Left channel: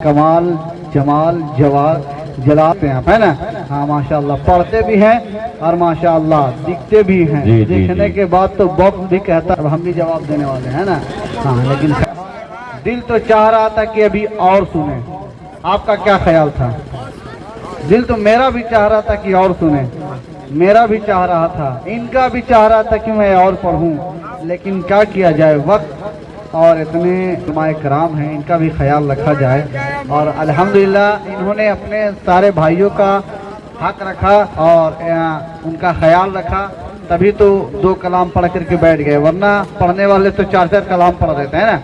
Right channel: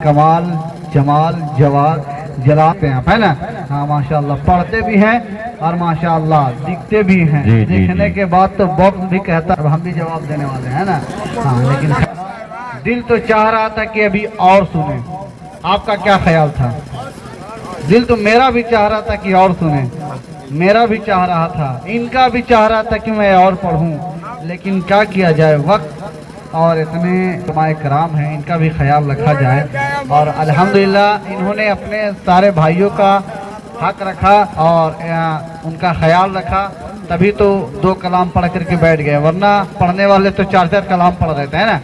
कमाल जमाल जवाब जलाते हैं, है ना। हाँ माशाल्लाह, पढ़ते भी हैं और माशाल्लाह दिखते भी हैं। दिखने के बाद तो वक्त भी कहता है हम भी जवाब देने वाले हैं ना। हाँ, लेकिन दिल तो चाह रहा था कि अभी और सुने। आपका क्या ख्याल था? दिल तो मेरा भी चाह रहा था कि और सुने, मेरा भी चाह रहा था, इनका भी चाह रहा था कि मैं और पढ़ूं, लेकिन क्या किया जाए, वक्त और इतने उलमाए कराम हैं, इनका भी ख्याल रखा जाए। और अल्हम्दुलिल्लाह इन्होंने अपने सारे भाइयों का हक रखा और उनका ख्याल रखा, तभी तो 2 कलाम पढ़ करके बैठ गए, वरना पढ़ने वाले तो 4-4 कलाम पढ़ देते हैं ना।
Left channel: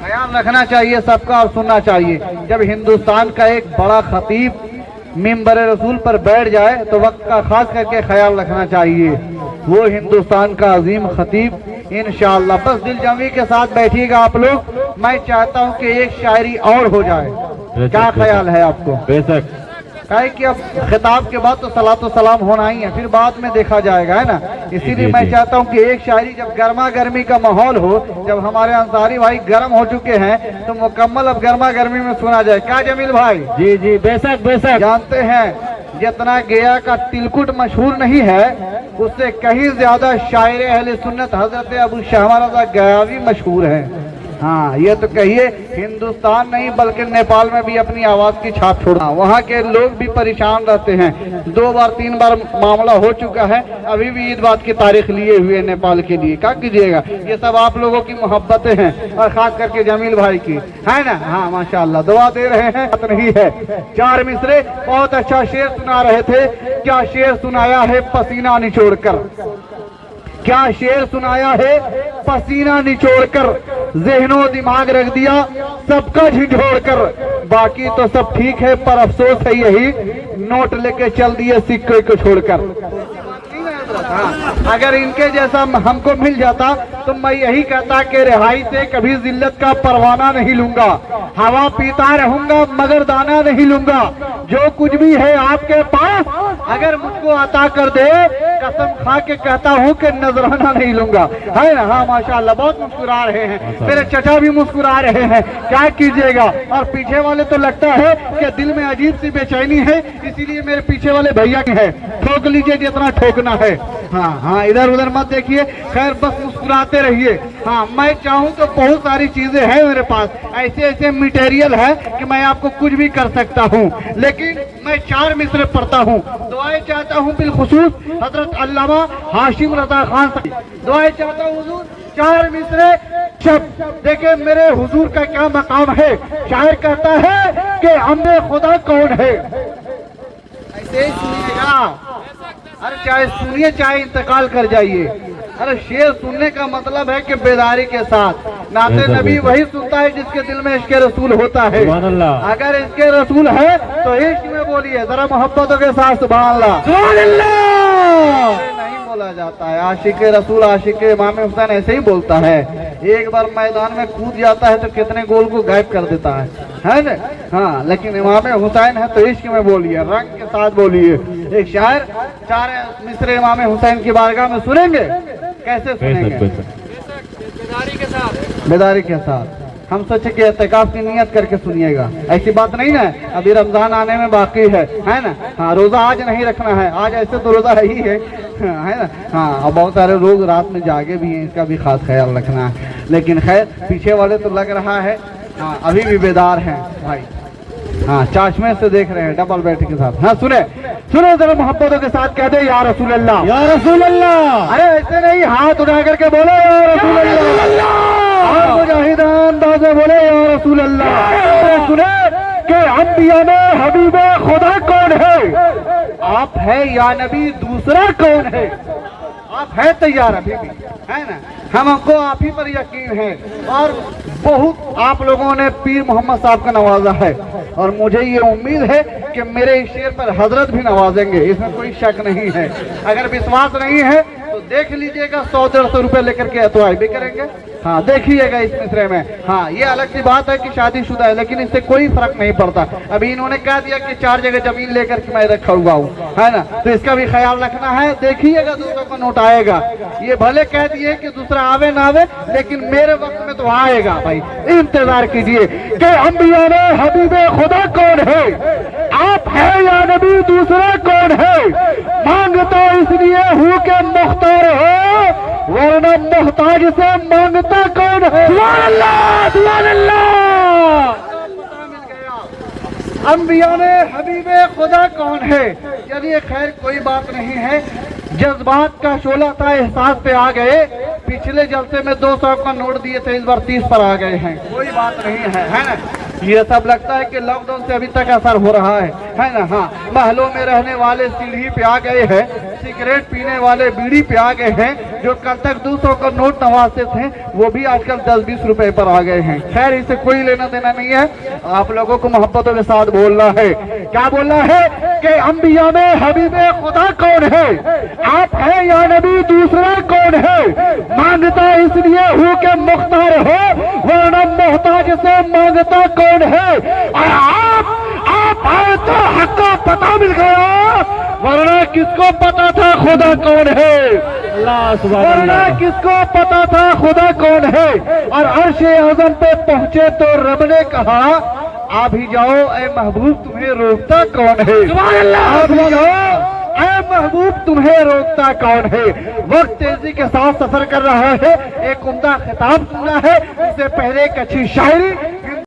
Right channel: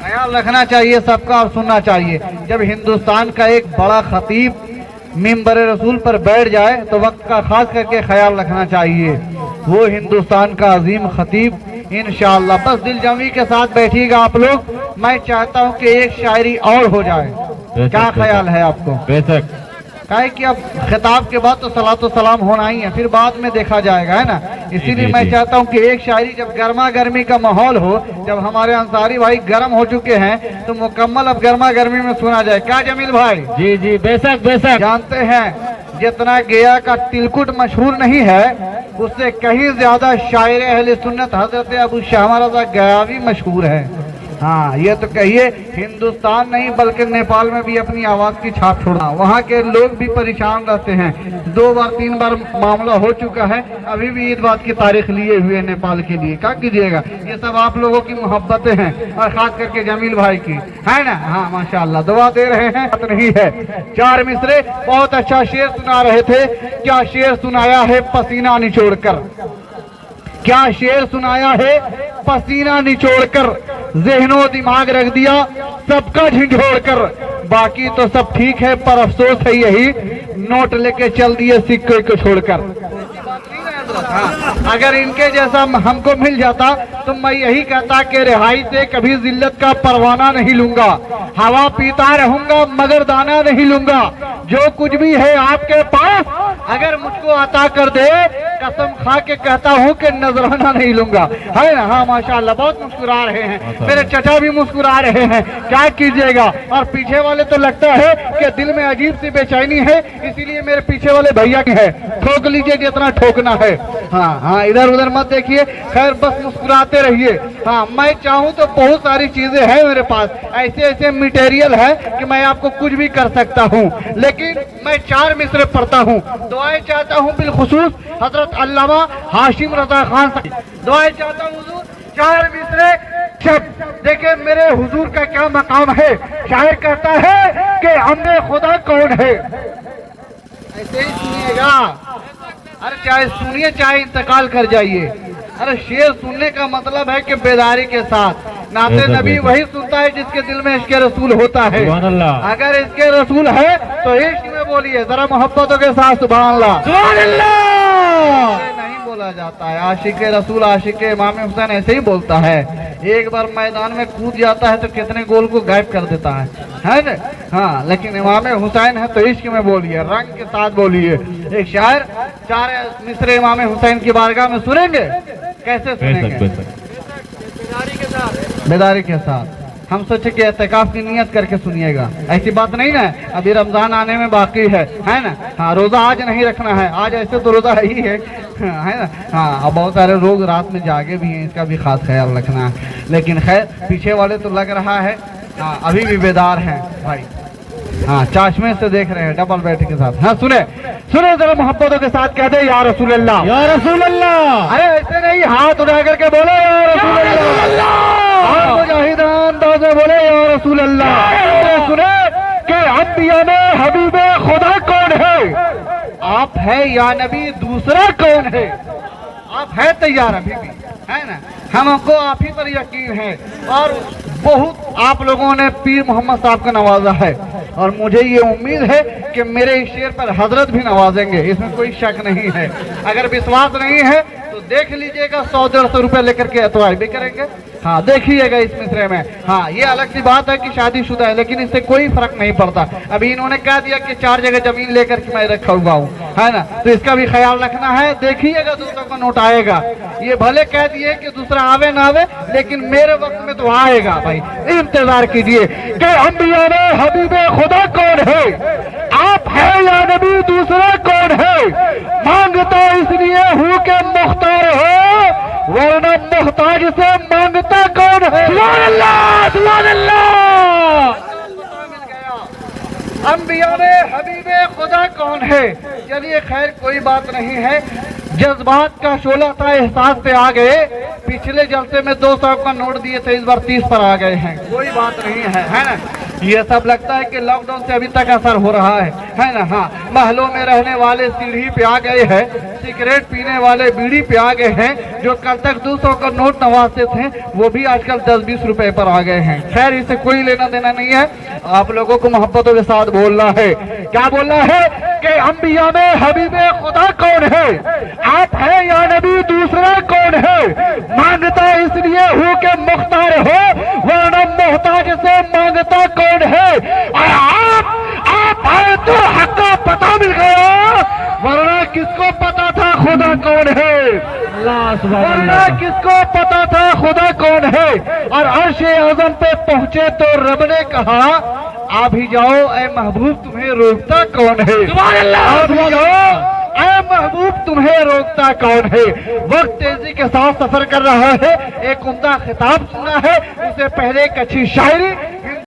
ख्याल रखना चाहिए सबका और सुनना चाहिए। जब हिंदुस्तान का एक बड़ा खतीब मिंबर रसूल पर बैठ जाए तो वक्त का खास करके ख्याल रखना चाहिए। वो हिंदुस्तान का अजीम खतीब इंशाअल्लाह। बस दिल जमी के साथ बैठिएगा आप लोग। मैं चाहता हूँ कि एक शायरी और हो जाए, क्या ख्याल है आपको? बेशक, है कि अब खिताब के बाद तो सलातो सलाम होना ही है, फिर बाद में देखा जाएगा, है ना। इसीलिए मैं चाहता हूँ कि एक शायरी, जब गर्मा गर्मी का माहौल हो, जब हमारे अंसारी भाई गर्म हो चुके हैं तो मुकम्मल अब गर्मा गर्मी में सुना जाए। क्या जमील भाई? जी जी, बेशक बेशक। जानते हैं जितना गया का तिलकुट मशहूर नहीं है, उससे कहीं ज्यादा शायर अहले सुन्नत हजरत अबू शामा रज़ा गयावी मशहूर है। हाँ, ये तो कहिए हिंदुस्तान नहीं बल्कि नेपाल में भी अपनी आवाज की छाप छोड़ना। वहाँ के लोग भी परेशान रहते हैं, 2 बार 3 बार मामला हो चुका है, अभी भी ईद बात की तारीख लिए हुए नेपाल के लिए। क्या कीजिएगा, ये सब आप लोगों की मोहब्बतें हैं और खास करके जमील भाई की, है ना। हाँ माशाल्लाह, दुआ दे रहे हैं, बात नहीं है। 4 मिसरे बहुत अच्छा शेर सुना रहे थे। क्या शेर सुनाया है पसीना निचोड़कर, क्या शेर सुनाया है पसीना निचोड़कर, ज़हनो दिमाग रख दिया सबका झिझोड़कर। बाकी तो सब ठीक है पर अफसोस है यही, नोट लेके चल दिए सिक्के को छोड़कर। अगर इनके जैसा हमको मिल जाता तो मैं यही कहता कि रिहाई से कभी जिल्लत का परवाना नहीं लूंगा, हवा पीता रहूंगा मगर दाना नहीं लूंगा। जो कुछ भी है आपके पास अगर मुझको अता कर दे, कसम खा के कहता हूँ कि नजराना नहीं लूंगा, है ना। हाँ माशाल्लाह, बहुत मुस्कुरा रहे हैं, मेरे चचा भी मुस्कुरा रहे हैं। क्या कीजिएगा, और पीछे वाले तो लगता है कि दिल में अजीब सी बेचैनी है, इसीलिए मेरे पीछे वाले भैया के है, ठोक लीजिए जितना ठोकना है। हाँ हाँ, इधर उधर मत देखिए, खैर बस मुस्कुराते रहिए। हाँ, मैं चाहूँ तो बहुत सारी चीजें हैं मेरे पास, ऐसे ऐसे मटेरियल है कि मैं आपको कुछ भी कर सकता हूँ, लेकिन मैं 4 मिसरे पढ़ता हूँ। दुआएं चाहता हूँ बिलखुसूस हजरत अल्लामा हाशिम रजा खान से, दुआएं चाहता हूँ हुजूर 4 मिसरे शब्द। देखिए मेरे हुजूर का क्या मकाम है। शायर कहता है कि अम्बे खुदा कौन है, ऐसे ही सुनिएगा। अरे चाहे सुनिए चाहे इंतकाल कर जाइए। अरे शेर सुनने का मतलब है कि बेदारी के साथ। नाते नबी वही सुनता है जिसके दिल में इश्क़ रसूल होता है। अगर इश्क़ रसूल है तो इश्क़ में बोलिए जरा मोहब्बतों के साथ सुभान अल्लाह। नहीं बोला जाता है आशिक रसूल आशिक इमाम हुसैन ऐसे ही बोलता है। एक बार मैदान में कूद जाता है तो कितने गोल को गायब कर देता है ना। हाँ, लेकिन इमाम हुसैन है तो इश्क़ में बोलिए, रंग के साथ बोलिए। एक शायर 4 मिसरे इमाम हुसैन की बारगाह में सुनेंगे, कैसे सुनेंगे? बेदारी के साथ। हम सोचे कि एहतिकाफ की नियत करके सुनिएगा, ऐसी बात नहीं ना। अभी रमजान आने में बाकी है ना। हाँ, रोजा आज नहीं रखना है, आज ऐसे तो रोजा है ही है ना। हाँ, बहुत सारे लोग रात में जागे भी हैं, इसका भी खास ख्याल रखना है। लेकिन खैर पीछे वाले तो लग रहा है अभी भी बेदार हैं भाई। हाँ, चाशमे से देख रहे हैं डबल बेड के साथ। हाँ, सुने सुने जरा मोहब्बतों के साथ कह दे या रसूल अल्लाह, या रसूल अल्लाह। अरे ऐसे नहीं, हाथ उठा करके बोले या रसूल अल्लाह, मुजाहिदान दादे बोले या रसूल अल्लाह। सुने कि अंबिया में हबीबे खुदा कौन है, आप है या नबी दूसरा कौन है। आप है तैयार अभी भी, है ना। हमको आप ही पर यकीन है और बहुत आप लोगों ने पीर मोहम्मद साहब को नवाजा है, और मुझे ये उम्मीद है कि मेरे इस शेर पर हजरत भी नवाजेंगे, इसमें कोई शक नहीं है। अगर विश्वास नहीं है तो देख लीजिएगा 100-150 रुपए लेकर के अतवाई भी करेंगे। हाँ देखिएगा इस मिसरे में। हाँ ये अलग सी बात है कि शादीशुदा है, लेकिन इससे कोई फर्क नहीं पड़ता। अभी इन्होंने कह दिया कि 4 जगह जमीन लेकर के मैं रखा हुआ हूँ, है ना, तो इसका भी ख्याल रखना है। देखिएगा दूसरा को नोट आएगा। ये भले कह दिए कि दूसरा आवे ना आवे, लेकिन मेरे वक्त में तो आएगा भाई, इंतजार कीजिए। कि अंबिया में हबीबे खुदा कौन है? आप है या नबी दूसरा कौन है? मांगता इसलिए हूँ कि मुख्तार हो, वरना मुहताज से मांगता कौन है? सुभान अल्लाह, सुभान अल्लाह। अंबिया में हबीबे खुदा कौन है? चलिए खैर कोई बात नहीं है, जज्बात का शोला था, एहसास पे आ गए। पिछले जलसे में 200 का नोट दिए थे, इस बार 30 पर आ गए हैं। कोई बात नहीं है ना। ये सब लगता है कि लॉकडाउन से अभी तक असर हो रहा है ना। हाँ महलों में रहने वाले सीढ़ी पे आ गए हैं, सिगरेट पीने वाले बीड़ी पे आ गए हैं। जो कल तक 200 का नोट नवाजते थे वो भी आजकल 10-20 रुपए पर आ गए हैं। खैर इससे कोई लेना देना नहीं है, आप लोगों को मोहब्बतों के साथ बोलना है। क्या बोलना है? कि अंबिया में हबीबे खुदा कौन है? आप है या नबी दूसरा कौन है? मांगता इसलिए हूँ कि मुख्तार हो, वरना मोहताज से मांगता कौन है? और आप है तो हक का पता मिल गया, वरना किसको पता था खुदा कौन है? वरना किसको पता था खुदा कौन है? और अर्श-ए आज़म पे पहुंचे तो रब ने कहा आप ही जाओ ऐ महबूब, तुम्हें रोकता कौन है? आप ही जाओ ऐ महबूब, तुम्हें रोकता कौन है? वक्त तेजी के साथ सफर कर रहा है, एक उम्दा खिताब सुनना है, उससे पहले एक अच्छी शायरी